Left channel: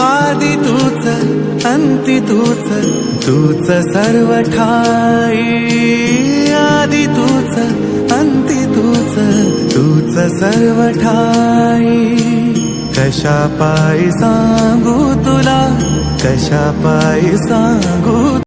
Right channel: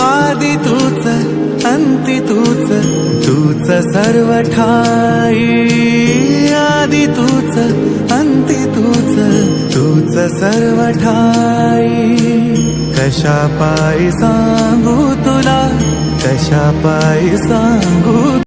आदि तूच अंती तूच, तूच सर्व ठाई. आदि तूच अंती तूच, तूच सर्व ठाई. कशा पायी सांगू तुला, कशा पायी सांगू